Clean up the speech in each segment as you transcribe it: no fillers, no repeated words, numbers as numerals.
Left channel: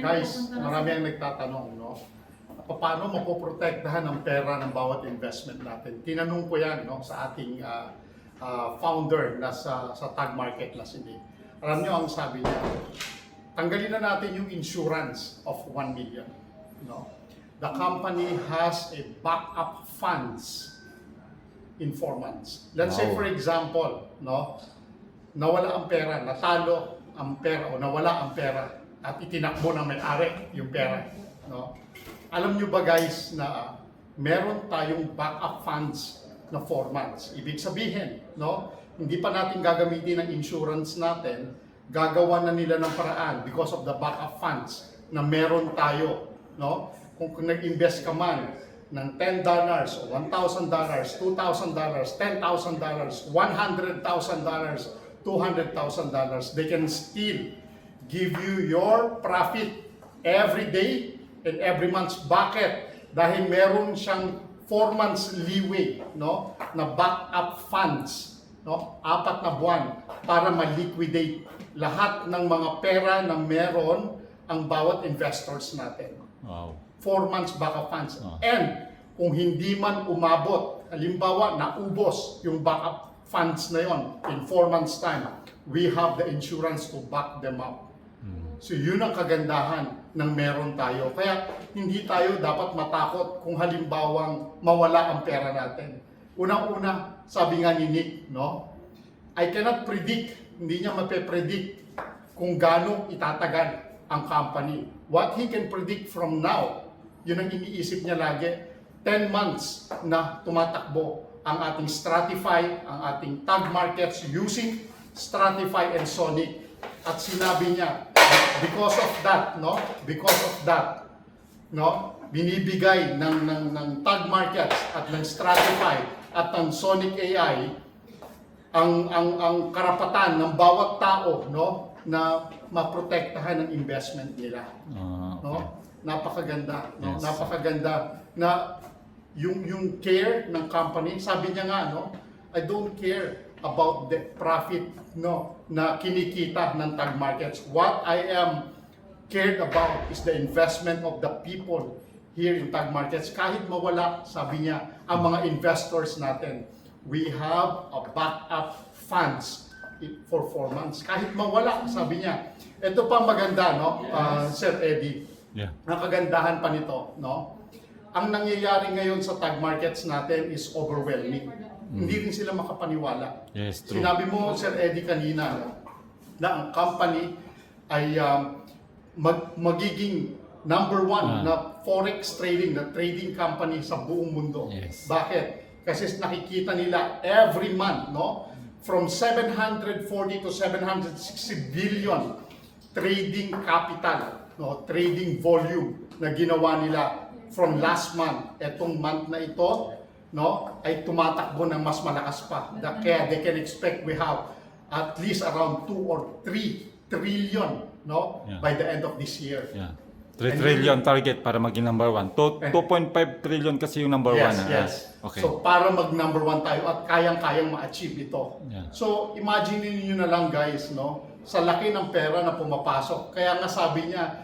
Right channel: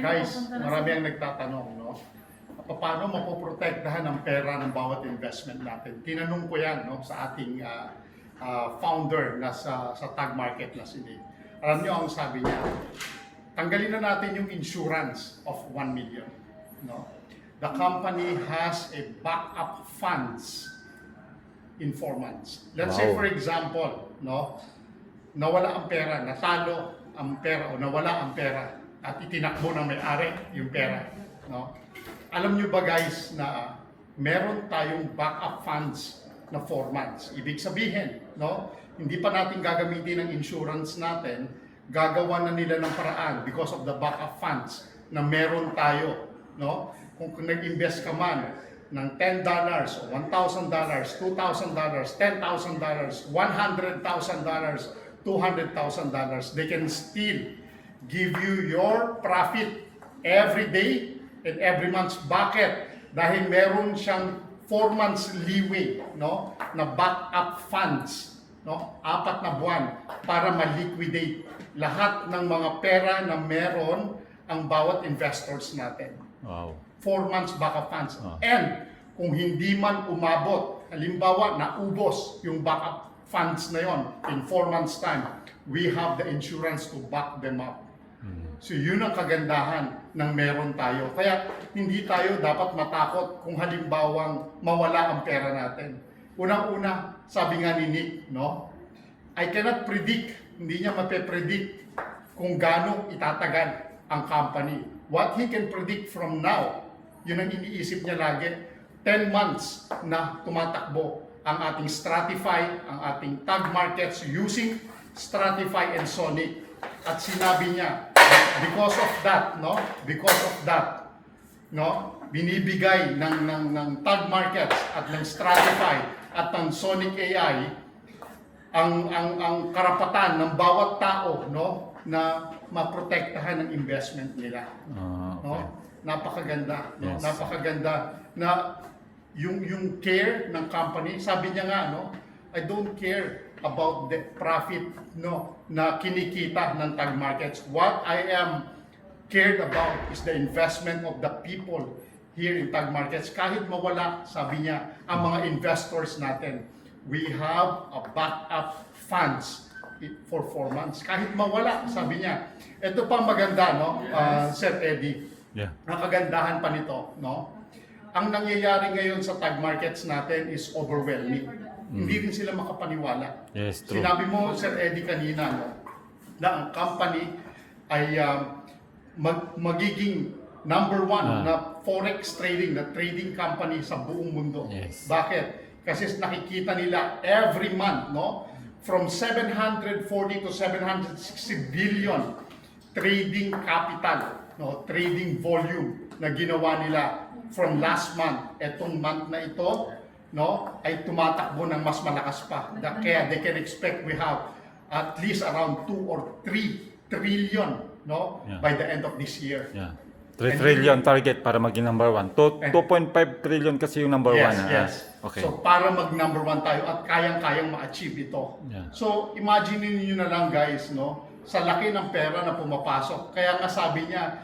Guys, marami ang nagtatanong, no? Paano mapoprotektahan ang pera ng bawat investment natin? Tinanong ko yan, no, sa ating founder na sa Tag Market na si Nick. Alam niyo ang sabi niya, tanggalin na natin yung insurance of 1 million. No? The company has a backup funds in 4 months. Let's say for example, no, nawala ang pera, natalo ang pera o nawala ang pera at itinakbo ng may-ari yung pera. No? Alam nyo ba guys na meron tayong backup funds na 4 months. Ibig sabihin, no, hindi pa natin gagamitin ang insurance natin, gagawa na nila ng paraan because of the backup funds na meron tayo. No? Kung nag-invest ka man ng $10 o $1,000, $2,000, $10,000, $100,000, $200,000, they can still give you your profit every day and every month. Bakit? Dahil meron siyang 4 months leeway, no, na backup funds, no, 4 na buwan para ma-liquidate lahat ng mga pera na meron ang bawat investors natin. Wow. 4 months backup funds. And kung hindi man umabot, halimbawa naubos yung backup funds na yon in 4 months time, we have the insurance to back them up. So yun ang kagandahan ng meron tayo. Kaya hindi tayo dapat matakot kung halimbawang mawala ang pera natin. Unang-una, sabi nga ni Nick, no? I cannot predict, hindi niya mape-predict kung gaano itatagal ang company. What he can predict from now, yun ang iniisip niya lagi, 10 months na tumatakbo ang ating Stratify, ang ating Tag Markets using Stratify and Sonic. At sinabi niya, because of that, binibigay ng Tag Markets at ng Stratify at ng Sonic AI ang karapatan ng bawat tao, no, na maprotektahan ang investment nila. Okay. No? Napakaganda, no? Yes. Napakaganda na yung care ng company, sabi niya nga, no, I don't care about the profit, no, na kinikita ng Tag Markets. What I am cared about is the investment of the people here in Tag Markets. Kahit mawala, sabi niya, ang mga investors natin, we have a backup funds for 4 months. Kahit mawala, sabi niya. Ito pa maganda, no, Sir Eddie. Yeah. Ang kagandahan pa nito, no? Ang nangyayari ngayon sa Tag Markets natin is overwhelming. Hindi rin sila makapaniwala. Yes, true. Sinabi mo, Sir Eddie, kanina, no, na ang company ay magiging number 1 na forex trading, na trading company sa buong mundo. Yes. Bakit? Kasi nakikita nila every month, no, from 740 to 760 billion trading capital, no, trading volume na ginawa nila from last month. Etong month na ito, no, ay tumatakbo ng mas malakas pa. Kaya they can expect we have at least around 2 or 3 trillion, no, by the end of this year. Yeah. 3 trillion target para maging number 1. 2.5 trillion kasi yung number 1. Yes. Okay. So para mag number 1 tayo at kayang-kayang ma-achieve ito. Yeah. So imagine niyo na lang guys, no, sa laki ng pera na pumapasok. Kaya nga sabi niya,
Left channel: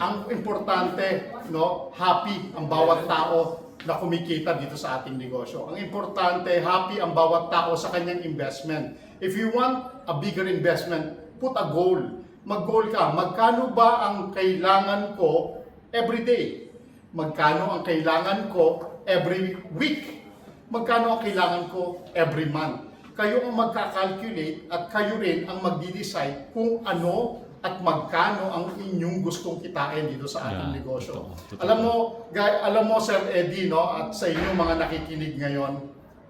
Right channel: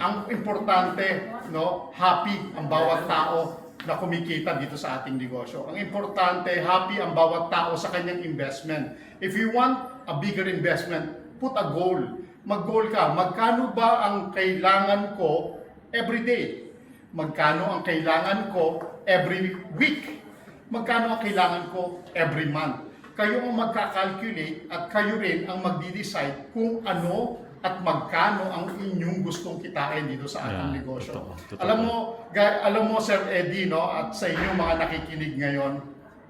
ang importante, no, happy ang bawat tao na kumikita dito sa ating negosyo. Ang importante, happy ang bawat tao sa kanyang investment. If you want a bigger investment, put a goal. Mag-goal ka. Magkano ba ang kailangan ko every day? Magkano ang kailangan ko every week? Magkano ang kailangan ko every month? Kayo ang magkakalculate at kayo rin ang magdi-decide kung ano at magkano ang inyong gustong kitain dito sa ating negosyo. Totoo. Alam mo Sir Eddie, no, at sa inyong mga nakikinig ngayon,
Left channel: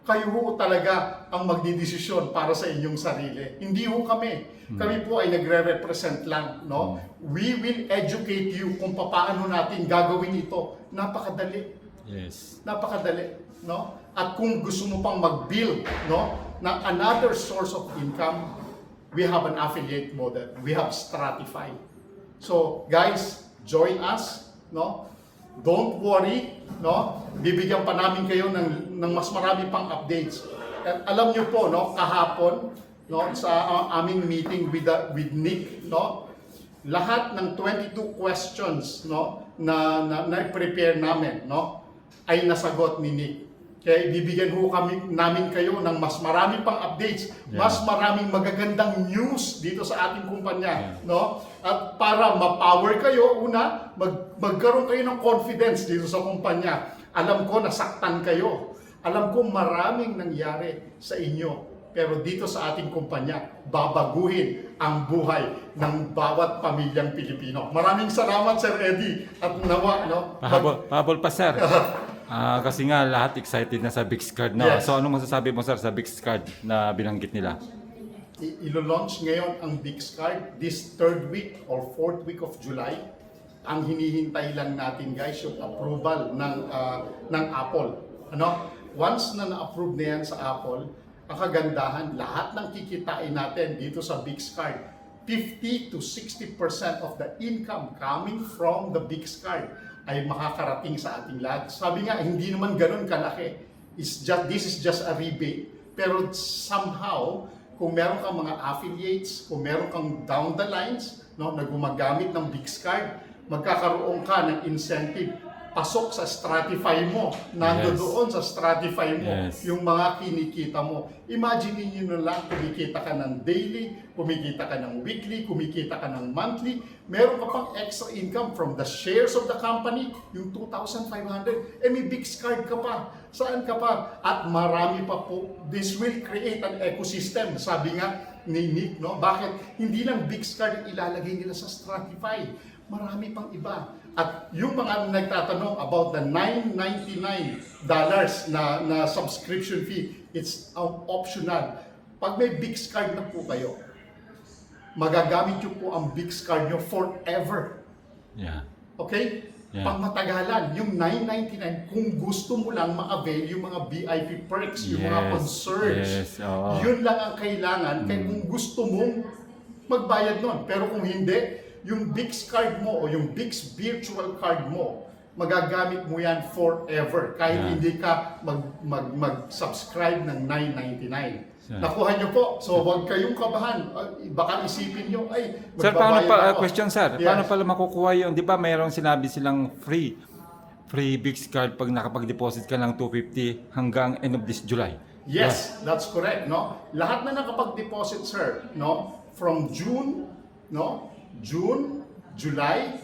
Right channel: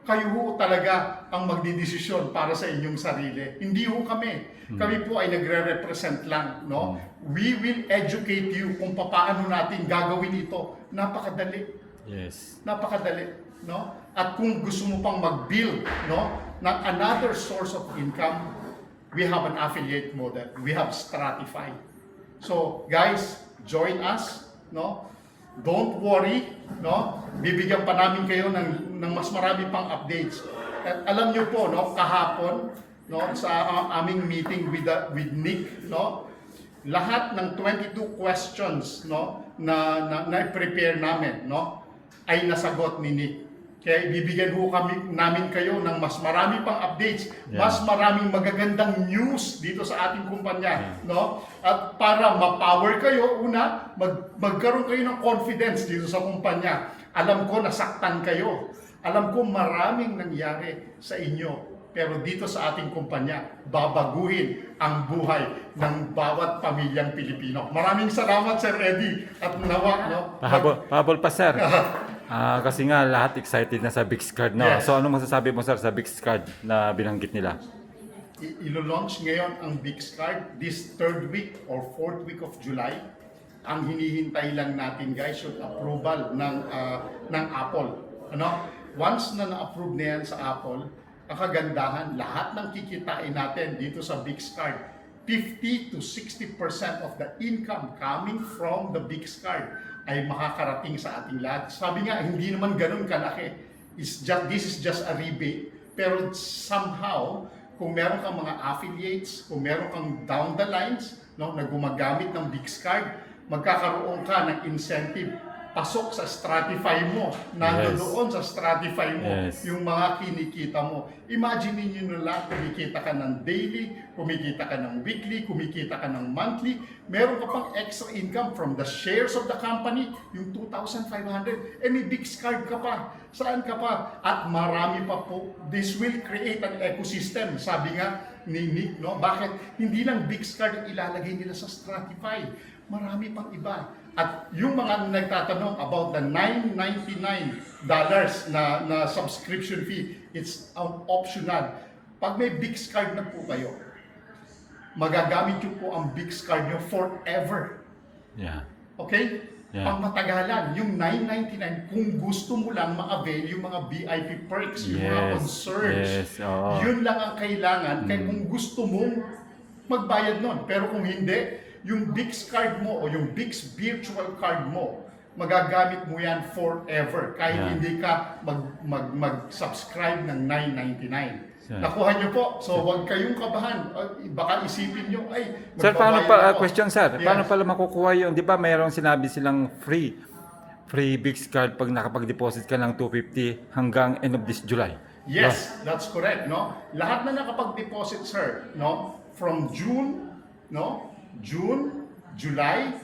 kayo ho talaga ang magdidesisyon para sa inyong sarili. Hindi ho kami. Kami po ay nagre-represent lang, no? We will educate you kung paano natin gagawin ito. Napakadali. Yes. Napakadali, no? At kung gusto mo pang mag-build, no, ng another source of income, we have an affiliate model. We have Stratify. So, guys, join us, no? Don't worry, no? Bibigyan pa namin kayo ng mas marami pang updates. At alam niyo po, no, kahapon, no, sa aming meeting with Nick, no, lahat ng 22 questions, no, na prepare namin, no, ay nasagot ni Nick. Kaya bibigyan ho namin kayo ng mas marami pang updates, mas maraming magagandang news dito sa ating kumpanya, no? At para ma-power kayo, una, magkaroon kayo ng confidence dito sa kumpanya. Alam ko nasaktan kayo. Alam ko maraming nangyari sa inyo. Pero dito sa ating kumpanya, babaguhin ang buhay ng bawat pamilyang Pilipino. Maraming salamat, Sir Eddie. At nawa, no? Pahabol pa, sir. Kasi nga lahat excited na sa BixCard, no? Yes. So ano masasabi mo, sir, sa BixCard na binanggit nila? Ilo-launch ngayon ang BixCard this 3rd week or 4th week of July. Ang hinihintay lang natin, guys, yung approval ng Apple. Ano? Once na na-approve na yan sa Apple, ang kagandahan, lahat ng kikitain natin dito sa BixCard, 50 to 60% of the income coming from the BixCard ay makakarating sa ating lahat. Sabi nga, hindi naman ganun kalaki. This is just a rebate. Pero somehow, kung meron kang mga affiliates, kung meron kang down the lines, no, na gumagamit ng BixCard, magkakaroon ka ng incentive. Pasok sa Stratify mo, nandoon sa Stratify mo, yung mga kinikita mo. Imagine niyo na lang, kumikita ka ng daily, kumikita ka ng weekly, kumikita ka ng monthly, meron ka pang extra income from the shares of the company, yung 2,500, may BixCard ka pa. Saan ka pa? At marami pa po. This will create an ecosystem, sabi nga ni Nick, no? Bakit? Hindi lang BixCard ang ilalagay nila sa Stratify. Marami pang iba. At yung mga nagtatanong about the $999 na subscription fee, it's optional. Pag may BixCard na po kayo, magagamit nyo po ang BixCard nyo forever. Yeah. Okay? Yeah. Pangmatagalan, yung $999, kung gusto mo lang ma-avail yung mga VIP perks, yung mga concerts, yun lang ang kailangan. Kaya kung gusto mong magbayad nun. Pero kung hindi, yung BixCard mo o yung Bix virtual card mo, magagamit mo yan forever kahit hindi ka mag-subscribe ng $999. Nakuha nyo po. So huwag kayong kabahan. Baka isipin nyo, ay, sir, paano pa, ako. question, sir, Yes. paano pala makukuha yun? Di ba mayroong sinabi silang free BixCard pag nakapag-deposit ka ng $250 hanggang end of this July? Yes, that's correct, no? Lahat na nakapag-deposit, sir, no? From June, no? June, July,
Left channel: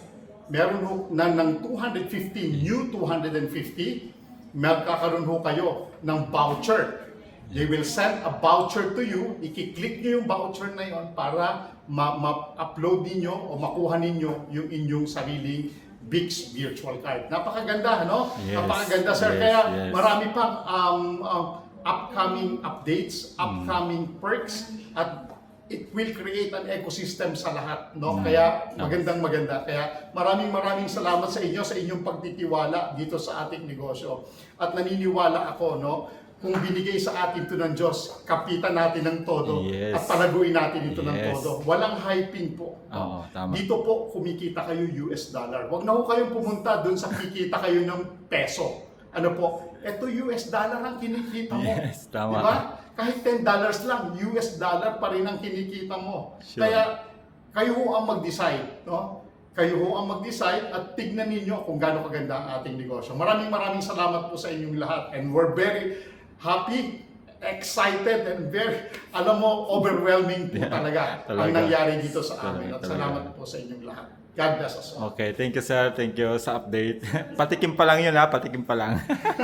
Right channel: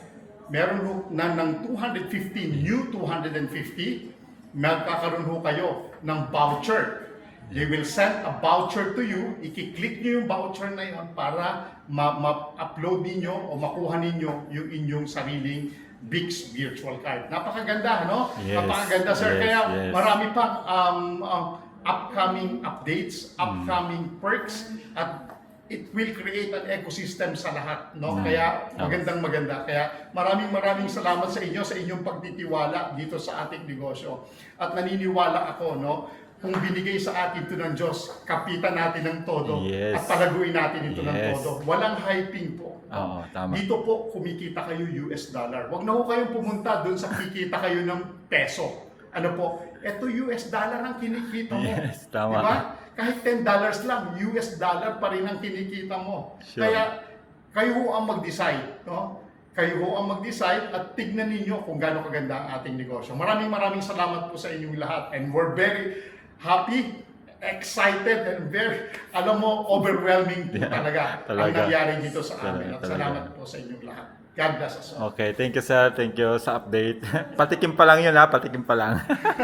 meron ho na ng 250, new 250, magkakaroon ho kayo ng voucher. They will send a voucher to you, i-click niyo yung voucher na yon para ma-upload niyo o makuha niyo yung inyong sariling Bix virtual card. Napakaganda, no? Yes, Napakaganda, sir. yes, Kaya yes. marami pang upcoming updates, upcoming perks, at it will create an ecosystem sa lahat, no? Kaya maganda. Kaya maraming salamat sa inyo sa inyong pagtitiwala dito sa ating negosyo. At naniniwala ako, no, kung binigay sa atin ito ng Diyos, kapitan natin ng todo at palaguin natin ito ng todo. Walang hyping po. Oo, tama. Dito po kumikita kayo US dollar. Huwag na ho kayong pumunta doon sa kikita kayo ng peso. Ano po? Ito US dollar ang kinikita mo. Yes, tama. Diba? Kahit $10 lang, US dollar pa rin ang kinikita mo. Sure. Kaya kayo ho ang mag-decide, no? Kayo ho ang mag-decide at tignan ninyo kung gaano kaganda ang ating negosyo. Maraming salamat po sa inyong lahat, and we're very happy, excited, and very, alam mo, overwhelming po talaga ang nangyari dito sa amin. At salamat po sa inyong lahat. God bless us all. Okay, thank you, sir. Thank you sa update. Patikim pa lang yun, ha? Patikim pa lang.